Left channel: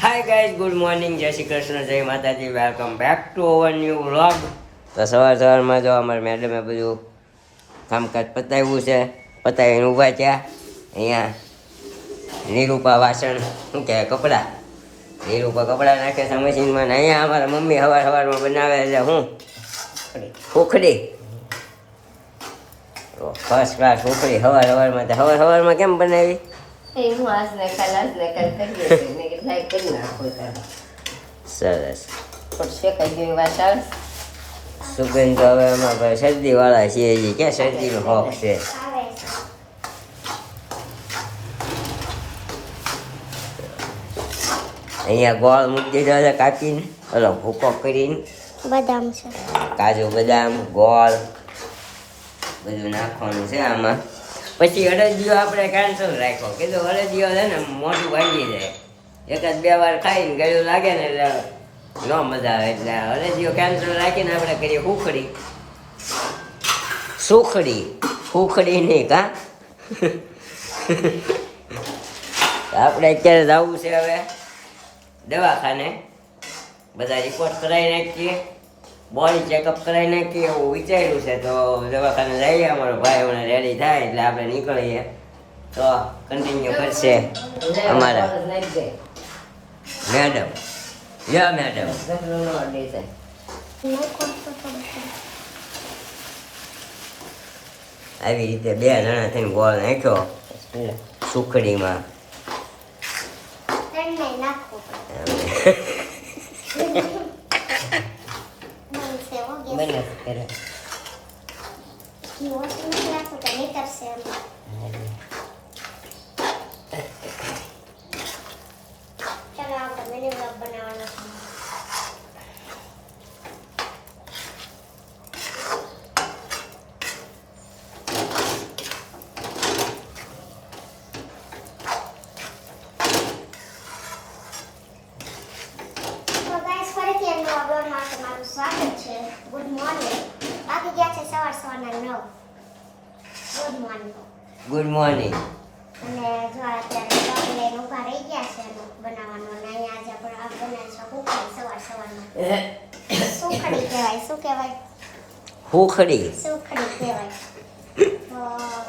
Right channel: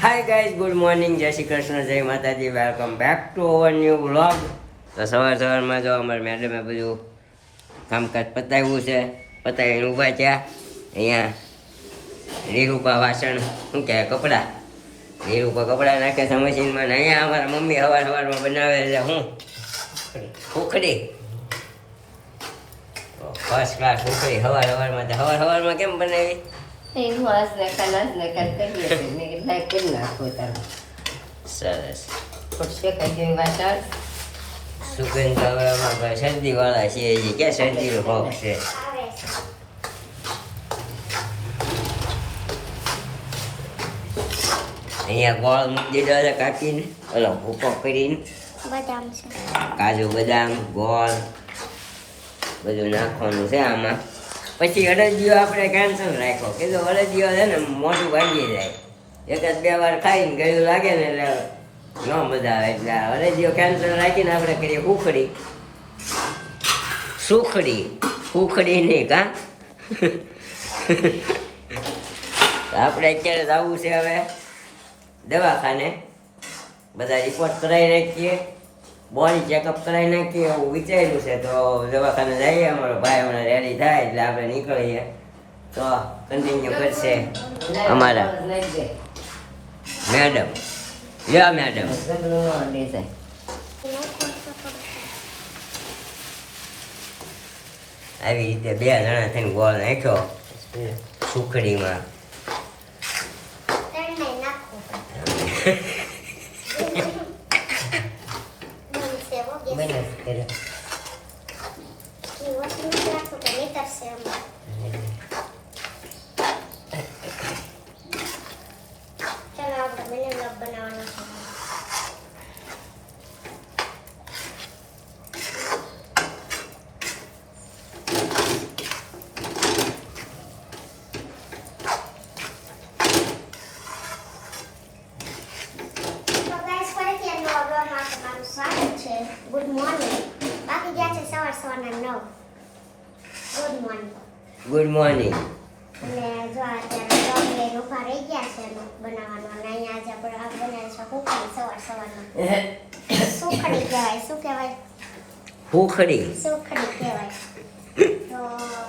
Hi guys, good morning, જય શ્રી કૃષ્ણ, જય માતાજી, welcome back to our new vlog. તો સવારમાં જો અમારે મેડમે બધું કામકાજ પતાવ્યું છે, પતાવીને ઊભા થયા. અહીંયા નીરૂપા વાસણ શું કહે કપડાં, નીરૂપા કપડાં નાખે છે મશીનમાં. ને અહીંયા અમારા મમ્મી સવારમાં બનાવે છે હું ઉખડી, ફર્સ્ટ ક્લાસ ઉખડી સવારમાં કેમ બનાવી? સરસ. સુગંધ હવે અમારે શરદી વાળા છીએ, ક્યાં શરદીનો હોક છે. અહીંયા ગોળ મૂકી દીધો છે કાકીને, ઓલો ભૂકો કરીને, બદામ છે, કાજુ બદામ ગોળ બધું નાખવાનું છે આમાં. પછી અડદિયો આપણે કેન્સલ રાખ્યો, કીધું અડદિયો છે ને મોઢું ભાંગી જાય, એકાદ બે વાર ખાઈને ગળ્યું લાગે ને એટલે ન મજા આવે, એટલે અડદિયો કેન્સલ રાખીને આપણે કરીએ ઉખડી. સુખડી નહીં કા. આપણે અત્યારે જવું છે હવે દવાખાને, બધા રિપોર્ટ કરાવી નાખીએ, બોડી ચેકઅપ કરાવી નાખીએ એવું વિચાર્યું છે. તો દવાખાને જઈએ, અમારો ભાઈ હમણાં રેડી થાય એટલે આપણે નીકળીએ. તો કન્ટિન્યુ કરશે અમારા મેડમ. યા મેડમ, આવી રીતે 2 જણા થઈને ગોળ નાખ્યો સુખડીમાં. Good morning. બાકી ગયા છે સવારના 9. Good morning. Good morning. અને જો અત્યારે બ્લોગ લઈને ઊભા રહી ગયા છે એનો બનાવવાનો. અને અહીંયા આજે આપણે આ બનાવીશું ઉખડી સવારમાં. સુખડી કહેવાય. શું કહેવાય? સુખડી. સુખડી કહેવાય. તો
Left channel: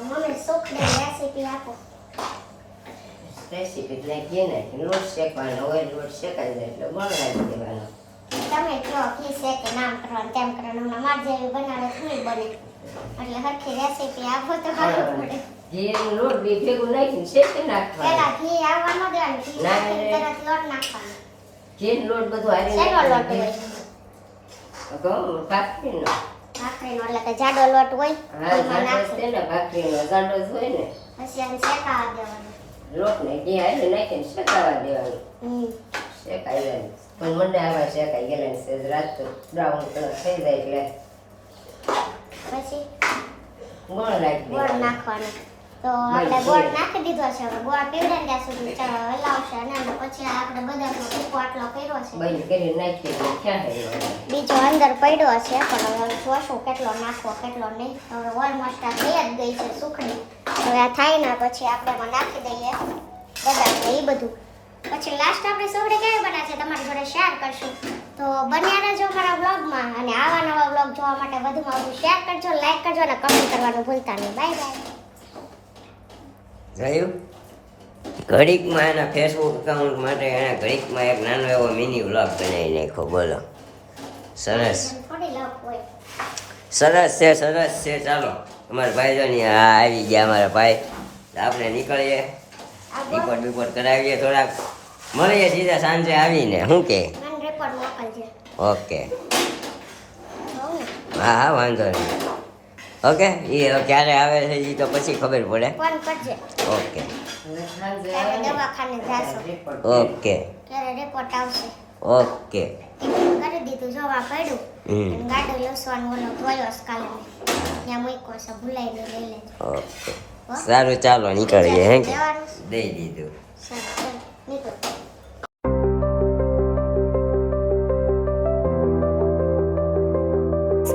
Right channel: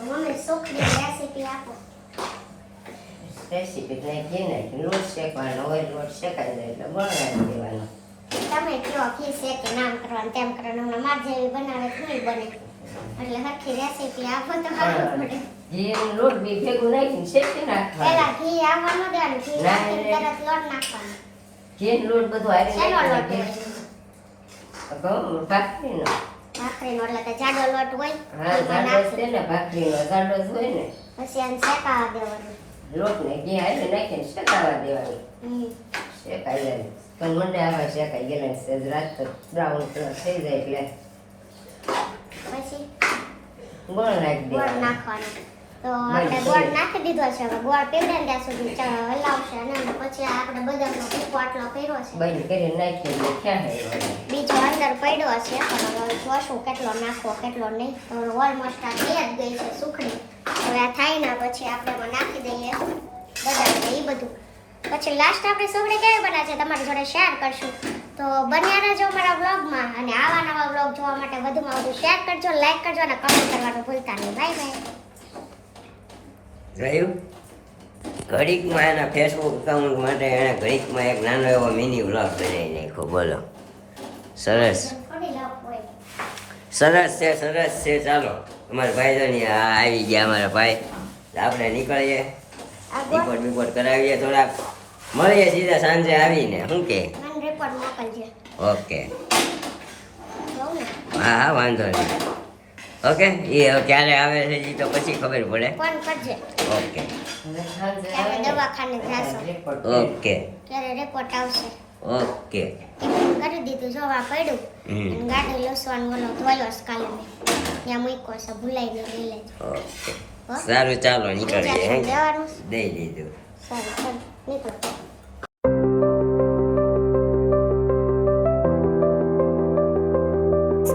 મમ્મી સુખડી રેસીપી આપો. રેસીપી નાખીએ ને લોટ શેકવાનો હોય, લોટ શેકાઈ જાય એટલે બનાવી દેવાનો. તમે કહો કી છે કે નામ કરવાનું તેમ કરવાનું. હમણાં માર જેવી બનાવે થોડી બને, એટલે હરખી રેસીપી આપો તો સારું પડે. ઘી લોટ બી ભેગું નાખીને શેકી નાખવાનું. પહેલા ઘી આવવા ન દેવાનું, ઘી નાખીને તરત લોટ નાખવાનો. ઘી લોટ બધું આવી શેનો લોટ હોય? ઘઉં ભાખરીનો. ભાખરીનો એટલે કે જાડો લોટ હોય. હા, જાડો છે ને ભાખરીનો, જાડો જ હોય ને. પછી એને શેકાવા દેવાનું. લોટ ને ઘી આવી નાખીને શેકાવા દેવાનું. શેકાઈ જાય પણ મને આવા શેકાઈ ગયેલા છે રાત તો બ્રાઉન કલર થઈ જાય એટલે પછી ગોળ નાખી ગોળ દેવાનો. નાખવાનો. તો આપણે ગોળ નાખી દીધો છે. હવે ગોળ પીવડે ત્યાં સુધી હલાવશે અને પછી આપણે બદામનો ભૂકો આટલો કર્યો છે, બંધ કરીને નાખી દઈએ. ક્યાં છે બીજો અંદર પડ્યો છે, પણ જોશું કેટલો નાખવો કેટલો નહીં. હવે ઓલમોસ્ટ આ થઈ જ ગઈ છે સુખડી. હવે આ થાય ને પછી આપણે એમાં નાખી દઈએ બદામ ને એ બધું. પછી લાસ્ટ આપણે સુખડી કેવી બના છે તમારી જોડે શેર કરશું. તો બન્યા રહેજો મારા વ્લોગમાં. અને આવા નવા વ્લોગ જોવા માટે વધુમાં વધુ શેર કરજો, લાઈક કરજો અને કમેન્ટ કરવાનું ભૂલતા નહીં. Bye bye. જોયું? ઘડીકમાં એના ફેસબુક એકાઉન્ટ માટે એણે ઘડીકમાં એક નાનો એવો મિની વ્લોગ બનાવી નાખ્યો. બોલો, સરસ થોડી લવ હોય. સરસ છે. ચાલો, અમારા ભાઈ જો ને આ આવી ગયા અમારા ભાઈ. આપણે નીકળીએ, રિપોર્ટ કરાવીએ, થોડાક મળીએ સીધા સાંજે આવીને. શું કે? મને રિપોર્ટ મોકલજે. ઓકે, હોવ ને? હા વાંધો નહીં. ઓકે, એ ક્યારે આવે છે એ તો પછી ખબર પડે. ફોન કરજે. ઓકે ત્યારે દવાખાને જાશો, ઓકે ત્યારે રિપોર્ટ આવશે. ઓકે. કરી દીધું જોવા પડ્યું. અને ગાડો લસવાનું ઓલો ધોયો છે કાલે મેં, ત્યાં મૂક્યો છે, ભૂલાઈ નહીં, લઈ લેજો. ઓકે, સારું ચાલો નીકળીએ. હે કે જવાનું છે? દઈ દીધું. સારું ચાલો નીકળો.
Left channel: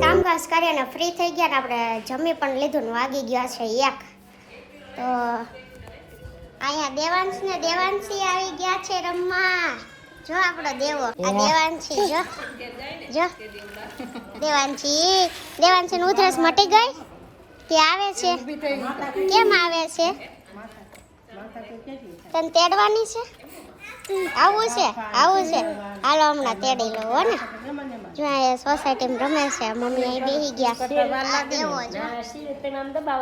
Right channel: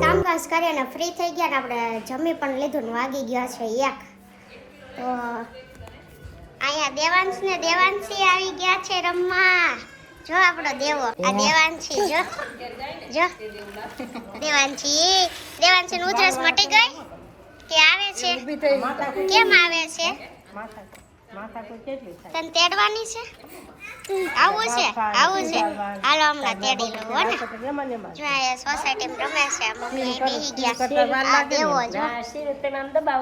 કામકાજ કરીને ફ્રી થઈ ગયા ને આપણે જમી પણ લીધું ને વાગી ગયા છે 1. તો અહીંયા દેવાંશી આવી ગયા છે રમવા. જો આપણો દેવો આ દેવાંશી જો જો દેવાંશી નું ઉધરસ મટી ગઈ કે આવે છે કેમ આવે છે તને તેડવાની છે આવું છે હાલો હમણાં તેડી લો હો ને જો આ સોસાયટીમાં રમે છે મમ્મી બેહી ગયા આ દેવો જો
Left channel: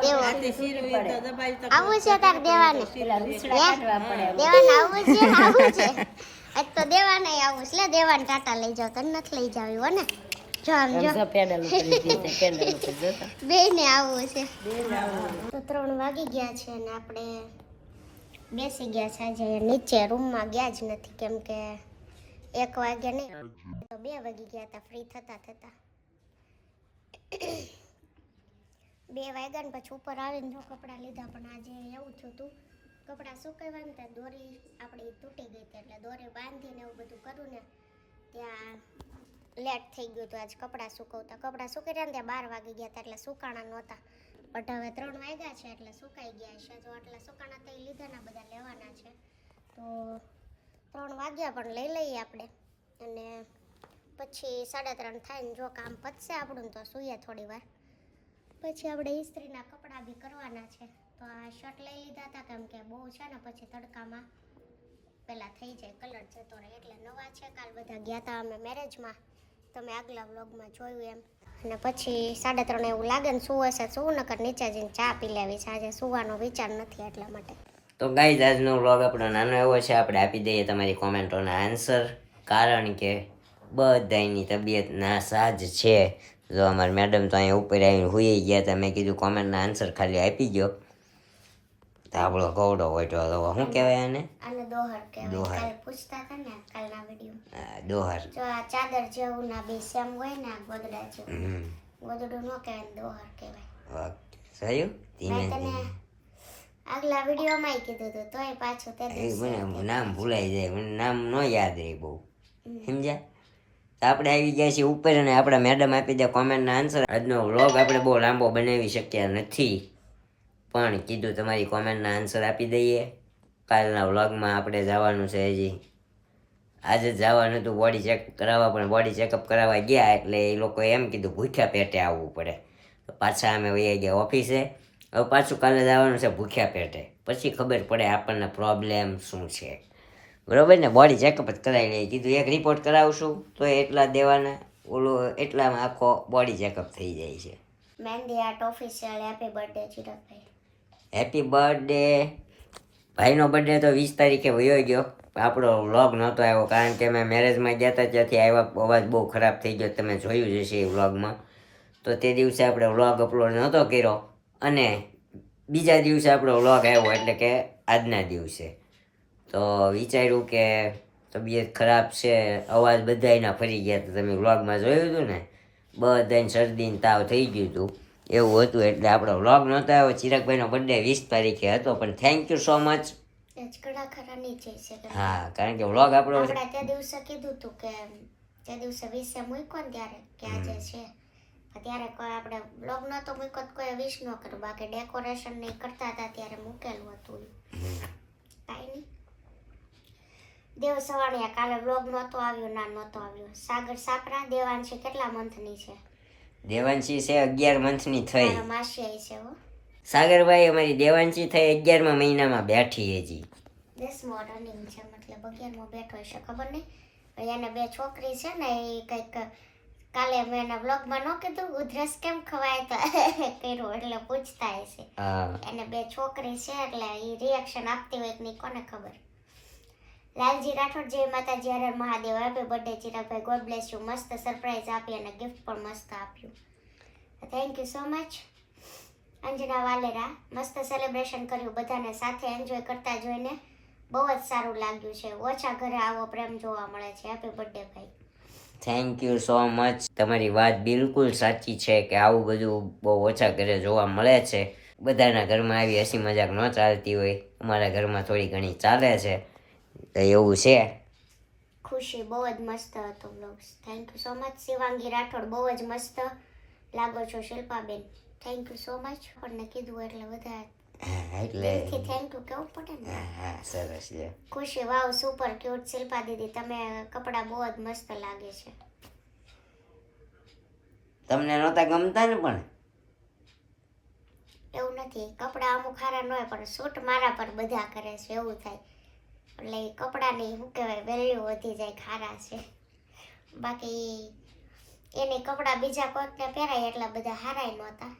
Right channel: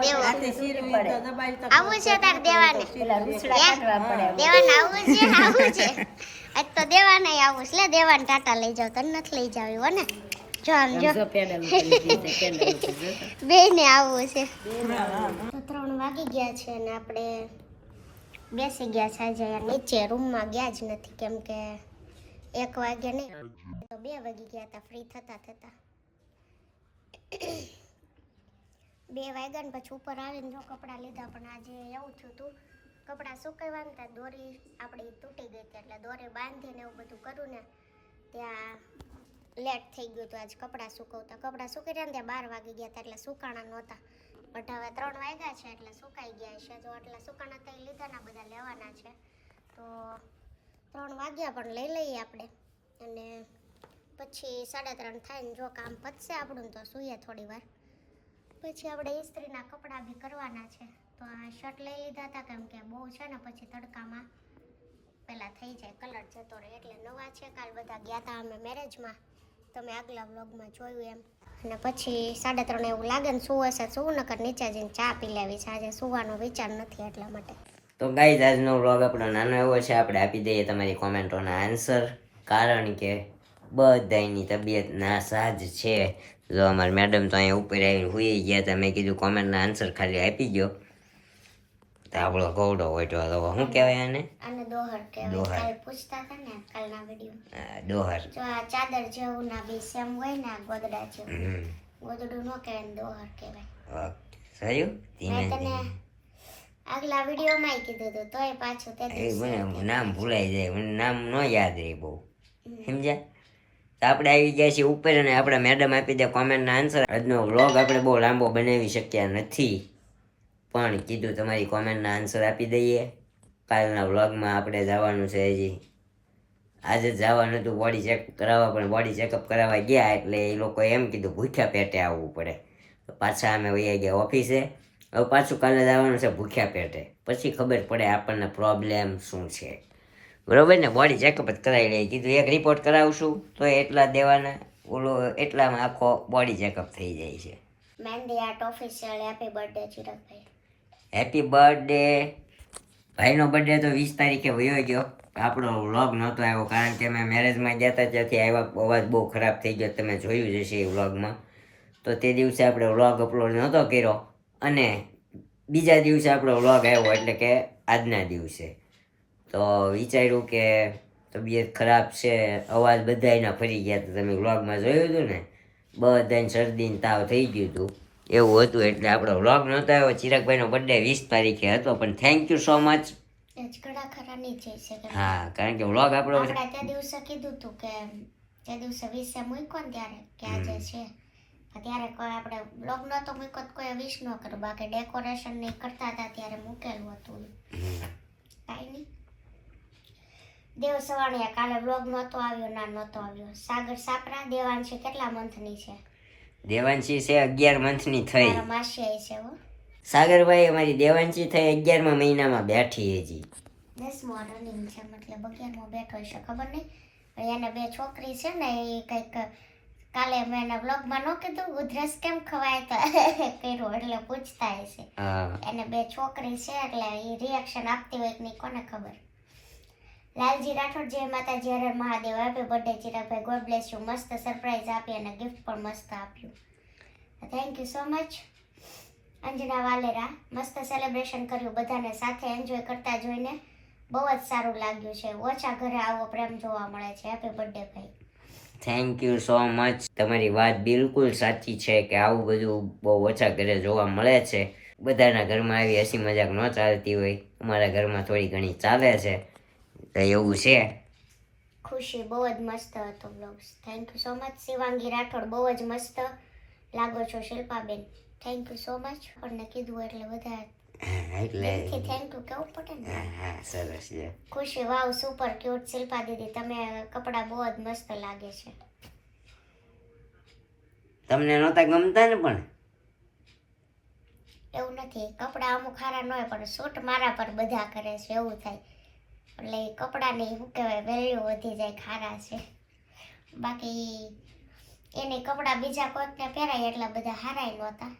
દેવો આવું છે તાર દેવાને દેવાને આવું છે આજ તો દેવાને આવું છે લે દેવાને ટાટા લઈ જાવ તને નથી લઈ જાવ હો ને જો આમ જો બે ને આવું છે તો 3 વાગી ગયા છે અને આપણે બેસી ગયા છે આજે નીચે રૂમમાં ગયા જ નથી કેમ કે 1 વાગે નહીં તો 2 વાગી ગયા હતા ફ્રી થતા 2 વાગ્યા ને પછી ઉપર આવીને જો કપડાં લીધા પણ આજે એવું થયું હતું કપડાં સુકાવ્યા ને ત્યાં દોરી આપણી તૂટી ગઈ હતી એટલે દોરી બાંધીને એવું બધું કરું ને ત્યાં લેટ થઈ ગયું હતું આજ કપડાં સુકી રહ્યા ને ત્યાં 12 વાગી ગયા હતા એટલે સુકાણા નહોતા બટ હવે 3 વાગ્યા છે એટલે સુકાઈ ગયા છે જો એટલે સુકાણા તો લીધાના બધા લેવાના છે તો 3 વાગ્યા પણ લઈ લઈએ આપણે અને પછી 3:30 થાય ને જો કામ પતશે આપણું તો સૂઈએ થોડી વાર પછી આપણે ઇસ્ત્રીના કપડાં બી કરવાના છે તો આ શર્ટ લઈ લીધા હતા કેમ કે બહુ છે ને પછી તડકામાં પહેલાં થઈ જાય કલર જતો રહે એટલે નવા છે કાલ બધા ગયા હતા અમે મેરેજમાં તમે આગલા વ્લોગમાં જોયું એમ અને પછી 3:30 એવું લાગે ને શું હશે શું નકર નીચે જઈને ચા પી લેવી છે આજે સુવાનો વિચાર નથી એટલા માટે તો ગાઈઝ આજનો વ્લોગ આપણો નાનો એવો છે આપણે આપી દઈએ તમારી કોમેન્ટોના આન્સર કારણ કે બધાની તબિયત નાસાજ છે જો અમારા મેડમ તો અહીંયા ઉપર આવીને હુઈ ગયા હતા મેં કીધું કોમેન્ટના આન્સર ખાલી આપી દો તો આપણો ગૌડો હોય તો શું કહેવાય આને દોહર કહેવાય કાલ પૂછતા હતા ને કાલના વિડીયો દોહર જો આ ચાદર જેવું ના બે સેમ હોય ને આ ગોદડા જેવું ગોદડું નો કહેવાય દોહર કહેવાય સહયું મેં તને આગલા વિડીયોમાં કીધું હતું તોય પાછું તે મને નામ ભૂલાઈ જાય મને નામ ન યાદ રહે બહુ સમજ્યા તો આપણે આવી ગયા છીએ ઉપર અને આપણા મેડમ આપી દે કોમેન્ટના આન્સર આજનો વ્લોગ આપણે બહુ લાંબો બનાવી શક્યા નથી પણ કીધું તમારી કોમેન્ટના આન્સર આપી દઈએ કાલના વ્લોગમાં આપણે જવાનું છે હજી આજે જવાનું હતું બોડી ચેકઅપ કરાવવા પણ બોડી ચેકઅપ કરાવવા ગયા એટલે એ લોકોએ એમ કીધું ભૂખ્યા પેટે આવવું પડે તો પાછા અમે વહી ગયા ઓફિસે હવે પાછું કાલે જવાનું છે ભૂખ્યા પેટે પછી ખબર પડે આપણને પ્રોબ્લેમ શું છે બરાબર ને બોડી ચેકઅપ જ કરાવી લઈએ કીધું એક રિપોર્ટ કરાવશું તો એટલા દેવાના ઓલો એટલામાં આખો બોડી ચેકઅપ થઈ જાય છે મહેંદી આર્ટ ઓફિશિયલ હેપી બર્થડે ચિરાગભાઈ હેપી બર્થડે ભાઈનો બર્થડે તો 20 તારીખે વયો ગયો આપણો વ્લોગ નહોતો આવ્યો કારણ કે અમે મેરેજમાં ગયા હતા ત્યાંથી આવ્યા અવાજ બહુ ખરાબ થઈ ગયો તમે જોયું જ હશે એ વ્લોગમાં તો તે દિવસે આપણે વ્લોગ અપલોડ નહોતો કર્યો અને બીજા દિવસે આપણો વ્લોગ આવ્યો એટલે કે આજના દિવસે તો વિચાર્યું કે તબિયત ખરાબ છે અવાજ બધાયના ફરી ગયા હતા તમે વ્લોગમાં જોયું હતું ને બધાને શરદીને તાવ થઈ ગયું હતું એવું હતું એટલે આપણો વ્લોગ નહોતો આવ્યો ચિરાગભાઈનો બર્થડે 20 તારીખે હતો પણ થેન્ક યુ સો મચ ઘણા ખરા નહીં જઈ શકે હા કારણ કે વ્લોગ આપણો આપણે તે દિવસે કીધું હતું કે તે દિવસે 20 મૂક્યો ને ત્યારે કે આજે છે ત્યારે કોઈ આપણે બ્લોગ નહોતો મૂક્યો તો કોઈ વિશ ન કર્યું બાકી ડેકોરેશન નહીં કરતા હતા ત્યારે મૂકેલું હતું કાંઈ નહીં દેવ સવાણિયા કાલે બ્લોગ નહોતો આવ્યો ના નહોતો આવ્યો સાગર સાપરા દેવાંશી કેટલા મંથની છે દેવાંશી છે 11 મંથની થઈ મારા માસી આવી છે હો સાગરભાઈ અમારી દેવાંશી થઈ 11મા મહિનામાં બેઠી હજી 10મો રનિંગ છે મતલબ 11મો બેઠો છે ખબર નહીં એને 2 છોકરી છે ને એ કંઈક કાલે મેં એના બ્લોગમાં ન કીધું ઉધરસ કેમ ખવાય તો કર્યું એટલે પૂછતા હશે એને 2 છોકરી છે એટલે એ રિએક્શન આપતી હોય કે નહીં કોને ખબર લાલજી રાઠોડ જય માતાજી હરે Mahadev happy birthday Chiragbhai God bless you મસ્ત સરપ્રાઈઝ આપી અને ગિફ્ટ પણ મસ્ત આપ્યું thank you so much Anjana Valera મસ્ત સેલિબ્રેશન કર્યું બધાને સાથે એન્જોય કરતા જોઈને બહુ જ સારું લાગ્યું છે ઓછા ઘરે આવો પ્રેમ જોવા મળે છે હેપી બર્થડે ભાઈ થેન્ક યુ સો મચ તમારી વાત બિલકુલ સાચી છે કે આવું બધું બહુ ઓછા ઘરે જોવા મળે છે બધાના ઘરમાં આવી હસી મજાક ન ચાલતી હોય અમારા ઘરમાં થોડી ઘણી ચાલે છે તો એવું છે ખુશી બહુ જ મસ્ત હતો blogs thank you so much Shivangi Rathod બહુ જ મસ્ત લાગો છો Shilpaben thank you so much આપણને કીધું એટલે બધા એટલે દિલથી થેન્ક યુ કેવું પડે ને. હા સરસ છે. ખુશી વાવ સુપર ક્યુટ શિલ્પા દીદી તમે કપડાં બહુ જ મસ્ત લાગે છે. તમને નહોતા ગમતા ને પણ એવું નથી કપડાં અમુક સારા ન હોય પણ શૂટ મારા પર બધા કરે છે એવું થાય એટલે એ કપડાની શું કહેવાય વેલ્યુ વધી જાય ખારા છે. બાકી એની કપડાં બીજા કોઈકને પહેરાય એટલા બધા હારાય નહોતા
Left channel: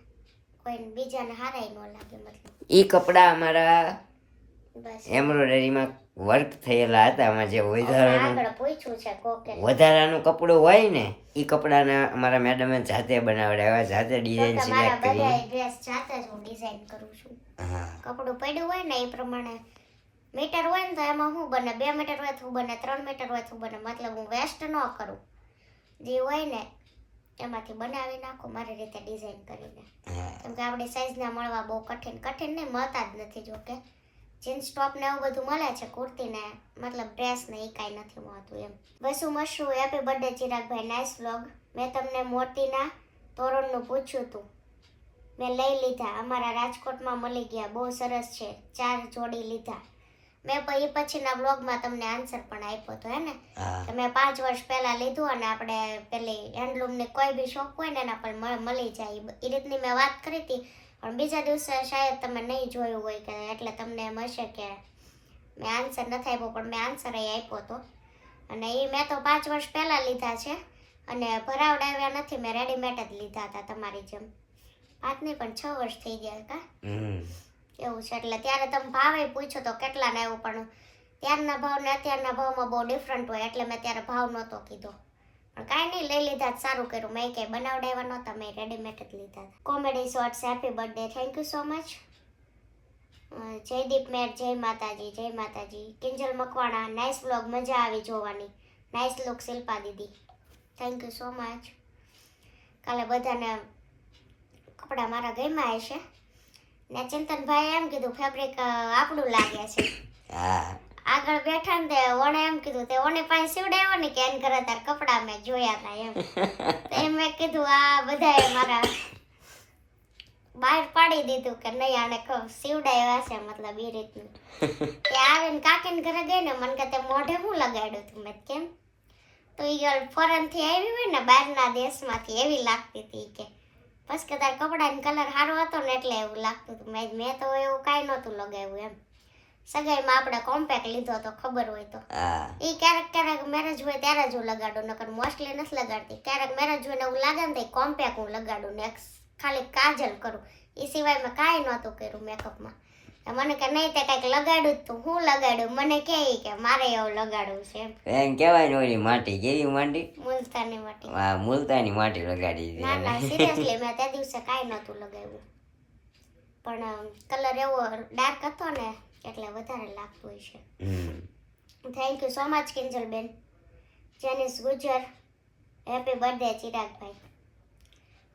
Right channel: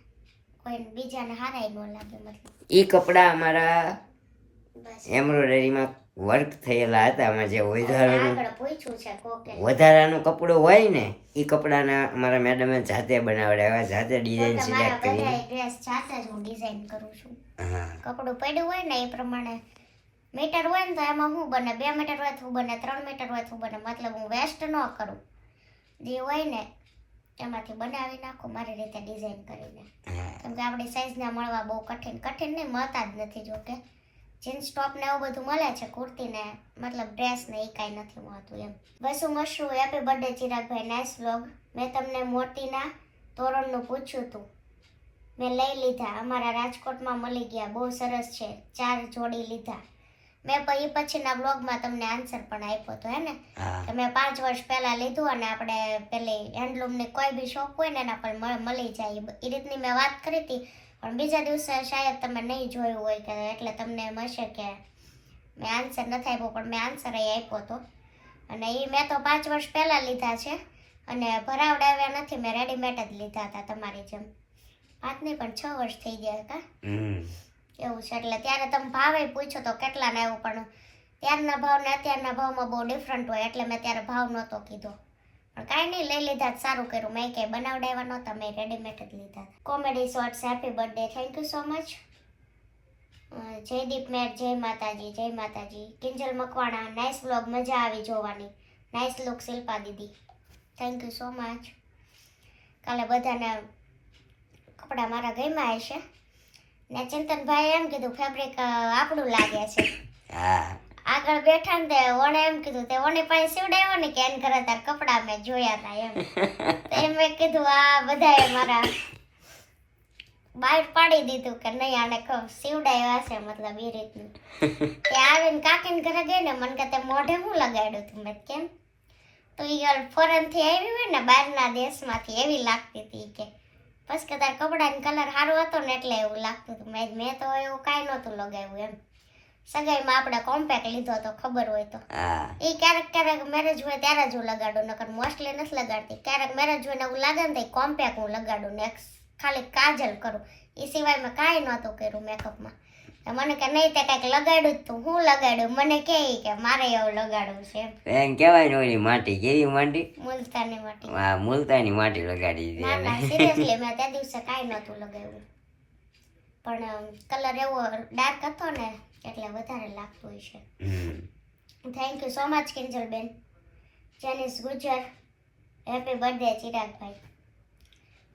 કોઈને બીજાને હારાય ન લાગે મતલબ એ કપડાં અમારા બસ એમ્બ્રોઇડરીમાં વર્ક થયેલા હતા. આમાં જે વધારાનું આગળ પૂછ્યું છે કોકે વધારાનું કપડું હોય ને એ કપડાના અમારા મેડમે જાતે બનાવડાવ્યા, જાતે ડિઝાઇન મારા સિલેક્ટ બધા કરીને. ડ્રેસ જાતે જ હું ડિઝાઇન કરું છું. હા કપડું પડ્યું હોય ને એ પ્રમાણે મીટર હોય ને તો એમાં શું બને 2 મીટર હોય તો બને 3 મીટર હોય તો બને મતલબ હું વેસ્ટ ન કરું જે હોય ને એમાંથી બનાવી નાખું મારી રીતે ડિઝાઇન કરીને. કેમ કે આપણી સાઈઝના મળવા બહુ કઠિન નહીં મળતા જ નથી જોકે જીન્સ ટોપ ને એવું બધું મળે છે કુર્તી ને મતલબ ડ્રેસ ને એ કાંઈ નથી મળતું એમ. બસુ મશરૂ હેપી બર્થડે ચિરાગભાઈ નાઇસ વ્લોગ. મેં તમને મોતીના તોરણનું પૂછ્યું હતું મેં લઈ લીધા અમારા રાજકોટમાં મળી ગયા બહુ સરસ છે 4 જોડી લીધા. મેં એ પછીના બ્લોગમાં તમને આન્સર પણ આપ્યો હતો હે ને કે મેં 5 વર્ષ પહેલા લીધું અને આપણે પેલી હેન્ડલૂમની કોઈ બી શોપ હોય ને એના પર મળી જાય એ રીતની મેં વાત કરી હતી પણ બીજા દિવસે શાયદ તમે નહીં જોયું હોય કે એટલે તમને એમ હશે કે મેં આન્સર નથી આપ્યો પણ મેં આન્સર આપ્યો હતો અને એ મેં તો 5 વર્ષ પહેલાં લીધા છે અને ભરાવડાવ્યા નથી મેં રેડીમેડ જ લીધા હતા તમારી જેમ 5 નહીં પણ 6 વર્ષ થઈ ગયા કા એવું છે. એટલે ત્યારે તમે ભાવે પૂછો તો કેટલાને આવ્યું પણ ત્યારના ભાવ ને અત્યારના ભાવમાં બહુ ડિફરન્ટ હોય એટલે મેં ત્યારે ભાવ નહોતો કીધો પણ કાંઈ નહીં લઈ લીધા જ સારું કર્યું મેં કંઈ બનાવડાવ્યા નહોતા મેં રેડીમેડ જ લીધા. Comedy shorts happy birthday thank you so much. Jaydeep Mer જય માતાજી. કિંજલ મકવાણા નાઇસ વ્લોગ મજા આવી જોવાની નાઇસ લુક શિલ્પા દીદી થેન્ક યુ સો મચ. કાલે બધાને કપડાં મારા ગમ્યા હશે ને ચિંતનભાઈ એમ કીધું ફેબ્રિક આપણું લાગે છે. આગળ બેઠા ને તે ઓણે એમ કીધું તે ઓની પાસે સીવડાવ્યો ને કે એન કરે તાર કપડાં મેં જોયા હતા એમ એમ મેં કીધું આ બધાએ મારા બહાર પાડી દીધું કે નહીં આને સીવડાવ્યા છે મતલબ એ રીતનું. તે આવીને કાકીને ઘરે ગઈ ને મને કે તે મોઢે હું લગાડ્યું તું મેં કેમ તો એ ફોરેન થી આવી હોય ને બહારના દેશમાંથી એવી લાગતી હતી કે બસ કે તાર કપડાનો કલર સારો હતો ને એટલે એવું લાગતું હતું. મેં તો એવું કાંઈ નહોતું લગાવ્યું એમ. સગાઈમાં આપણે કોમ્પેક્ટ લીધો તો ખબર હોય તો એ ક્યારેક મેરેજ હોય ત્યારે જ હું લગાડું નકર મોસ્ટલી નથી લગાડતી. ક્યારેક મેરેજ હોય ને એવું લાગે ને તો કોમ્પેક્ટ હું લગાડું ને ખાલી કાજલ કરું એ સિવાય મેં કાંઈ નહોતું કર્યું મેકઅપમાં. મને કે નહીં તે કંઈક લગાડ્યું તું હું લગાડ્યું મને કે મારે એવું લગાડવું છે એમ કહેવાય ને ઓલી માટી કેવી માટી મુલતાની માટી. હા મુલતાની માટી લગાડી ના ના સિરિયસલી મેં તે દિવસે કાંઈ નહોતું લગાવ્યું પણ કલર એવો ડાર્ક હતો ને એટલે વધારે લાગતું હોય છે. થેન્ક યુ સો મચ કિંજલબેન. જેનિસ ગુજર હેપી બર્થડે ચિરાગભાઈ.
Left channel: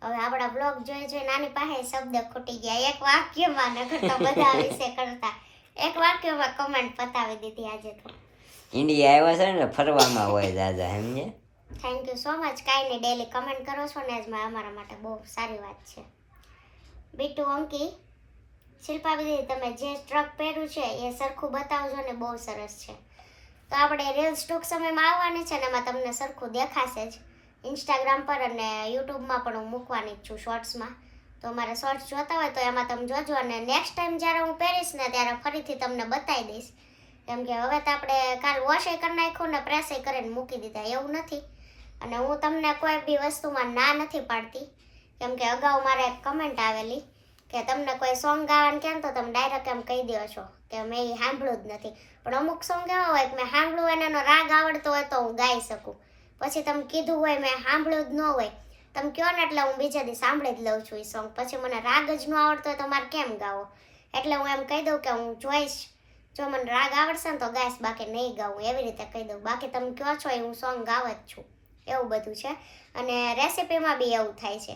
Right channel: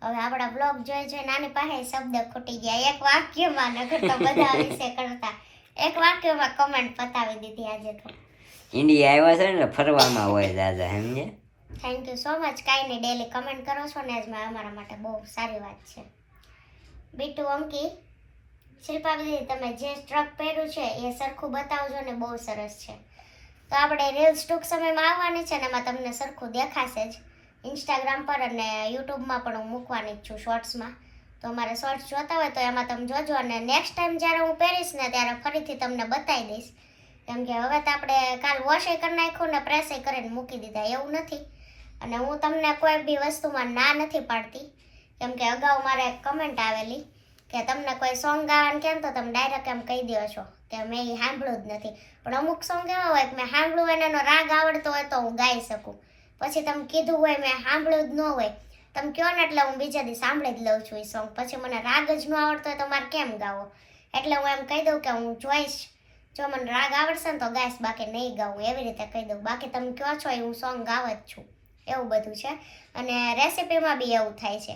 હવે આપણા બ્લોગ જોઈ નાની પાસે શબ્દ ખૂટી ગયા એક વાક્યમાં નકર તો બધા વિશે કરતા એક વાક્યમાં કમેન્ટ પતાવી દીધી આજે તો. ઇન્ડિયા આવ્યા છે ને ફરવામાં હોય દાદા સમજે. Thank you so much. કાંઈ નહીં ડેલી કમેન્ટ કરો છો ને આજમાં અમારા માટે બહુ સારી વાત છે. બીટુ અંકી શિલ્પા દીદી તમે જે સ્ટ્રક પહેર્યું છે એ સરખું બતાવજો ને બહુ સરસ છે. તો આપણે રીલ્સ ટૂંક સમયમાં આવવાની છે ને એમાં તમને સરખું દેખાશે જ ઇન્સ્ટાગ્રામ પર અને યુટ્યુબમાં પણ હું મૂકવાની જ છું શોર્ટ્સમાં. તો અમારે શોર્ટ્સ જોતા હોય તો એમાં તમે જોજો અને નેક્સ્ટ ટાઈમ જ્યારે હું પહેરીશ ને ત્યારે ફરીથી તમને બતાવી દઈશ. કેમ કે હવે તો આપણે કાલ વોશે કરી નાખ્યું ને પ્રેસે કરીને મૂકી દીધા એવું નથી. અને હું તમને કોઈ બી વસ્તુમાં ના નથી પાડતી કેમ કે અગાઉ મારે એક કમેન્ટ આવેલી કે તમને કોઈ સોંગ ગાવાનું કેમ તો તમે ડાયરેક્ટ એમ કહી દો છો કે મેં એ સાંભળ્યું જ નથી. પણ અમુક સોંગ એવા હોય કે મેં સાંભળ્યું હોય એનો રાગ આવડતો હોય તો હું ગાઈ શકું. પછી તમે કીધું હોય મેં સાંભળ્યું જ ન હોય તમે કહો ને એટલે હું બીજા દી સાંભળી જ લઉં છું એ સોંગ. પછી મને રાગ જ ન આવડતો હોય તો મારે કેમ ગાવો એટલે હું એમ કહી દઉં કે હું જોઈશ જો મને રાગ આવડશે ને તો ગાઈશ બાકી નહીં ગાવું એવી રીતે કહી દઉં. બાકી તમે કહો છો એ હું સોંગ ગાવ જ છું એવું બધું છે. અને રેસીપીમાં બી એવું થાય છે.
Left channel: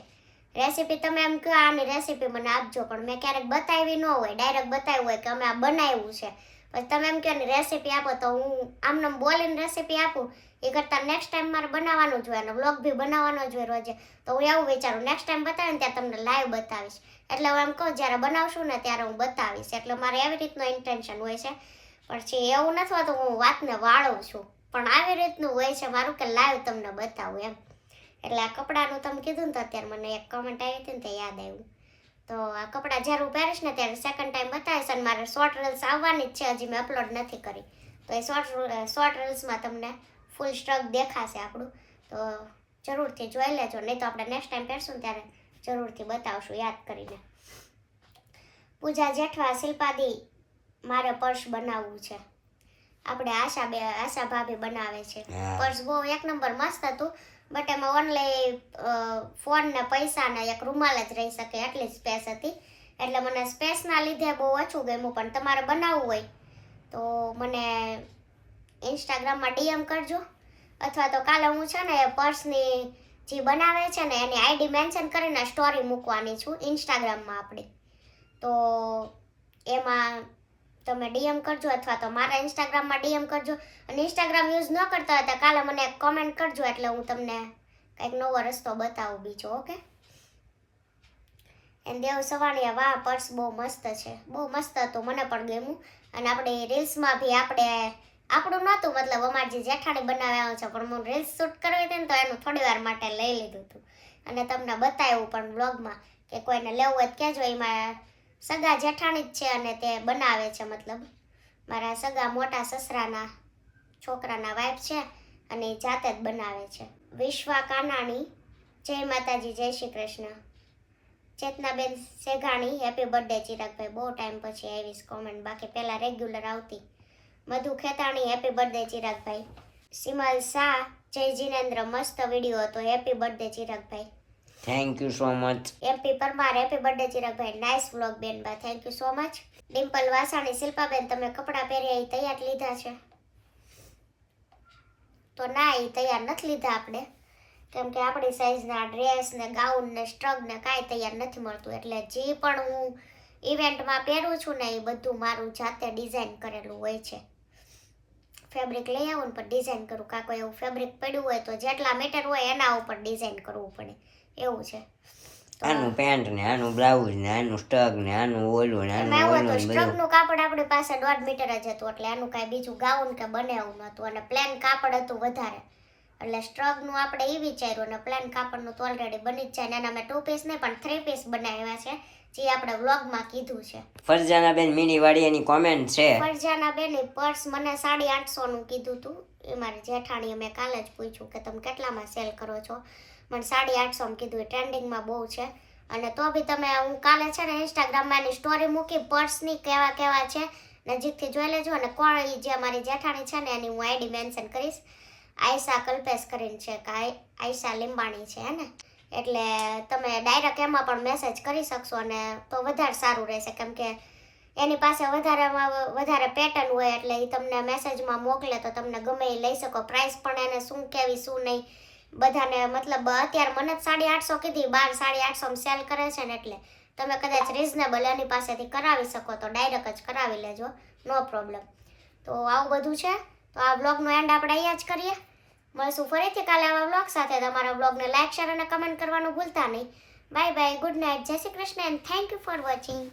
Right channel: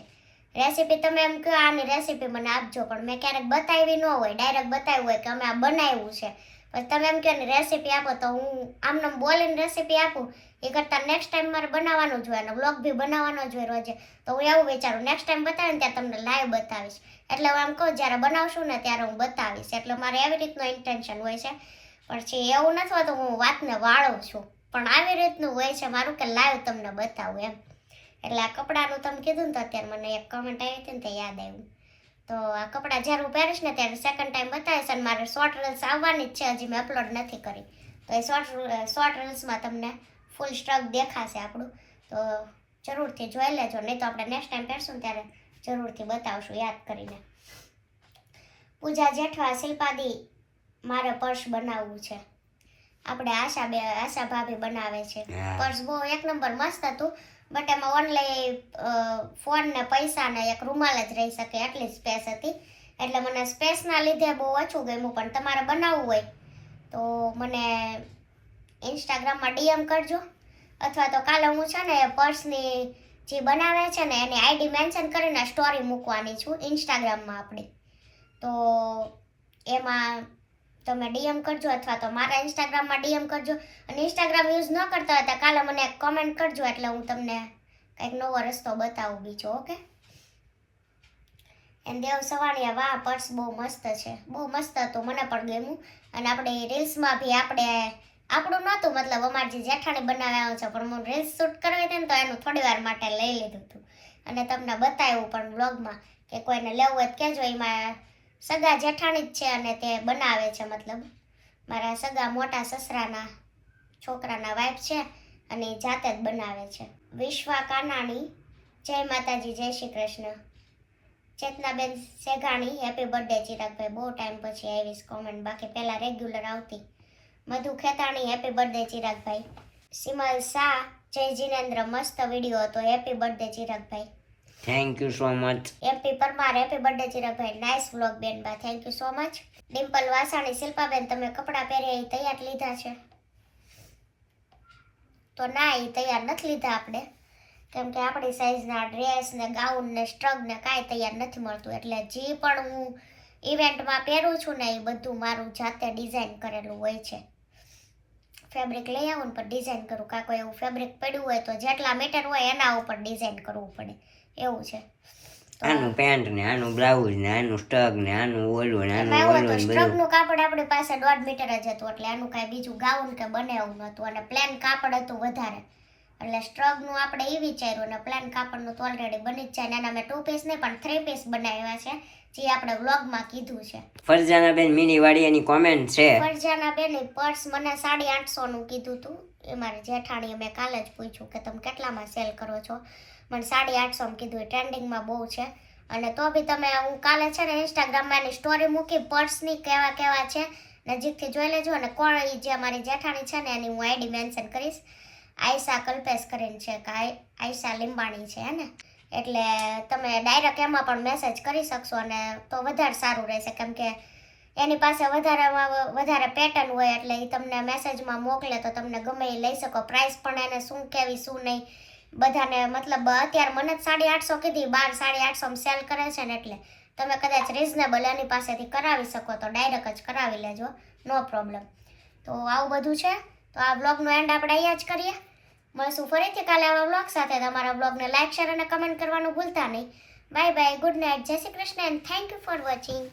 રેસીપી તમે એમ કહો આની રેસીપી મને આપજો પણ મેં ક્યારેક બતાવી ન હોય ડાયરેક્ટ બતાવ્યું હોય કે અમે આ બનાવ્યું છે પછી તમે એમ કહો ને રેસીપી આપો તો હું આમને બોલીને રેસીપી આપું એ કરતાં નેક્સ્ટ ટાઈમ મારે બનાવવાનું જ હોય અને વ્લોગ બી બનાવવાનો જ હોય રોજે. તો હું એવું વિચારું નેક્સ્ટ ટાઈમ બતાવે ને ત્યાં તમને લાઈવ બતાવીશ એટલે હું એમ કહું જ્યારે બનાવશું ને ત્યારે હું બતાવીશ, એટલે મારે એવી રીતનું ઇન્ટેન્શન હોય છે. પછી એવું નથી હોતું હું વાતને વાળું છું, પણ આવી રીતનું હોય છે મારું કે લાઈવ તમને બતાવું એમ. એટલે આ કપડાનું તમે કીધું ને તો અત્યારે મને એક કમેન્ટ આવી હતી ને તે યાદ આવ્યું. તો આ કપડાં જ્યારે હું પહેરીશ ને ત્યારે સેકન્ડ ટાઈમ બતાવીશ, અને મારે શોર્ટ રીલ્સ આવવાની જ છે, હજી મેં અપલોડ નથી કરી. તો એ શોર્ટ રીલ્સમાં તમને ફૂલ સ્ટ્રક દેખાશે આપણું, તો જરૂરથી જોઈ લેજો. નહીં તો આપણે નેક્સ્ટ ટાઈમ પહેરશું ને ત્યારે જરૂરથી બતાવશું યાદ કરીને. પૂજા જેઠવા, શિલ્પાદી મારે પર્સ બનાવવું છે. આપણે આશા ભાભી બનાવે છે પર્સ, બહુ એક નંબર મસ્ત હતું. બટ એમાં ઓનલી ફોન ને પૈસા ને એક રૂમાલ જ રહી શકે એટલી સ્પેસ હતી, એટલે મને સ્પેસના લીધે બહુ ઓછું ગમ્યું. પણ તમારે બનાવવું હોય તો મને ઇન્સ્ટાગ્રામમાં ડીએમ કરજો, અથવા તો કાલે હું છે ને પર્સની જે બનાવે છે ને એની આઈડી મેન્શન કરીને સ્ટોરી મૂકવાની છું ઇન્સ્ટાગ્રામમાં આપણી. તો એમાં તમે ડીએમ કરજો, અથવા તો મારા ઇન્સ્ટાગ્રામમાં ડીએમ કરજો. અને ઇન્સ્ટાગ્રામ યુઝ ન કરતા હોય તો કાલે મને એક કમેન્ટ કરજો, એટલે હું તમને કંઈક નવો રસ્તો બતાવું બીજો. ઓકે. એન્ડ દેવ સવાણિયા, વાહ પર્સ બહુ મસ્ત છે, બહુ મસ્ત હતું, મને પણ ગમ્યું. અને આપણી રીલ્સમાં બી આપણું નહોતું, મતલબ અમારી જે જેઠાણી બનાવ્યા છે, પણ હું રીલ્સ શૂટ કરવી હતી ને તો એનું થોડી વાર માટે લઈ લીધું હતું અને તમને બતાવ્યું પણ બ્લોગમાં, કે કોઈને લેવું હોય તો કહેજો. એમાં સગા જેઠાણી જ છે અને તે બનાવે છે, મતલબ મારા સગા મોટા સસરાના છોકરાના વાઇફ છે અને એ જાતે જ બનાવે છે. વિશ્વા કાનાણી, જય માતાજી, જય શ્રી કૃષ્ણ. ચેતનાબેન સેઘાણી, હેપી બર્થડે ચિરાગભાઈ, બહુ ટાઈમ પછી આવીશ કોમેન્ટ, બાકી પહેલાં રેગ્યુલર આવતી. મધુ ખેતાણી, હેપી બર્થડે ચિરાગભાઈ. સિમલ શાહ, જય જીનેન્દ્ર, મસ્ત વિડીયો હતો, હેપી બર્થડે ચિરાગભાઈ. Thank you so much. MP Parmar, happy birthday ચિરાગભાઈ, નાઇસ વ્લોગ બેનબા, thank you so much. Dimple Vasani, શિલ્પાબેન તમે કપડાં પહેર્યા એ તૈયાર લીધા છે? તો ના, એ તૈયાર નથી લીધા આપણે, કેમ કે આપણી સાઈઝના ડ્રેસ ને ગાઉન ને સ્ટ્રગ ને કાંઈ તૈયાર નથી મળતું. એટલે જે પણ હું ઇવેન્ટમાં પહેરું છું ને એ બધું મારું જાતે ડિઝાઇન કરેલું હોય છે. ફેબ્રિક લઈ આવું ને પણ ડિઝાઇન કરું, કાં કોઈ એવું ફેબ્રિક પડ્યું હોય તો જેટલા મીટર હોય એના ઉપર ડિઝાઇન કરવું પડે, એવું છે. આનું પેન્ટ ને આનું બ્લાઉઝ ને આનું સ્ટગ ને આનું ઓલું ને આનું ઓલું. સ્ટ્રગનું કાપડ આપણી પાસે 1.5 મીટર જ હતું, એટલે આનું કાંઈ બીજું ગાઉન કે બને એવું નહોતું, અને પ્લેન કાપડ હતું વધારે, એટલે સ્ટ્રગનું આપણે એ વિચાર્યું. અને પ્લેન કાપડનું તો ઓલરેડી બની જ જાય, અને એના મેં 2 પીસ નહીં પણ 3 પીસ બનાવ્યા છે, જે આપણે વ્લોગમાં કીધું છે. ફરજાનાબેન મીની વાડિયાની કોમેન્ટ છે. ફરજાનાબેન પર્સ મને 850 નું કીધું હતું, એ મારી જેઠાણીએ મેં કાલે જ પૂછ્યું કે તમે કેટલામાં સેલ કરો છો, મને 850 માં કીધું. ટ્રેન્ડિંગમાં બહુ છે. અને તો બી તમે, હું કાલે છે ને ઇન્સ્ટાગ્રામમાં એની સ્ટોરી મૂકી પર્સની કેવા કેવા છે નજીકથી જોઈ લેજો. અને કોણ એ જે મારી જેઠાણી છે ને એની હું આઈડી મેન્શન કરીશ, આયશા કલ્પેશ કરીને છે, કે આયશા લીંબાણી છે ને, એટલે તમે ડાયરેક્ટ એમાં પણ મેસેજ કરી શકશો, અને તો વધારે સારું રહેશે, કેમ કે એની પાસે વધારે પેટર્ન હોય, એટલે એ તમને મેસેજમાં મોકલે તો તમને ગમે એ લઈ શકો. પ્રાઇસ પણ એને શું કેવી શું નહીં બધાને, મતલબ અત્યારે મને જ 850 કીધી, 850 સેલ કરે છે ને, એટલે તમે કદાચ રિઝનેબલ એની પાસેથી કરાવી શકો તો ડાયરેક્ટ જ કરાવી લેજો, નો પ્રોબ્લેમ. તો આવું બધું છે. તો આ વ્લોગનો એન્ડ આપણે અહીંયા જ કરીએ. મળશું ફરીથી કાલે આવા વ્લોગ સાથે. તમારા વ્લોગને લાઈક, શેર અને કમેન્ટ કરવાનું ભૂલતા નહીં. બાય બાય, ગુડ નાઇટ, જય Shri Krishna and thank you for watching.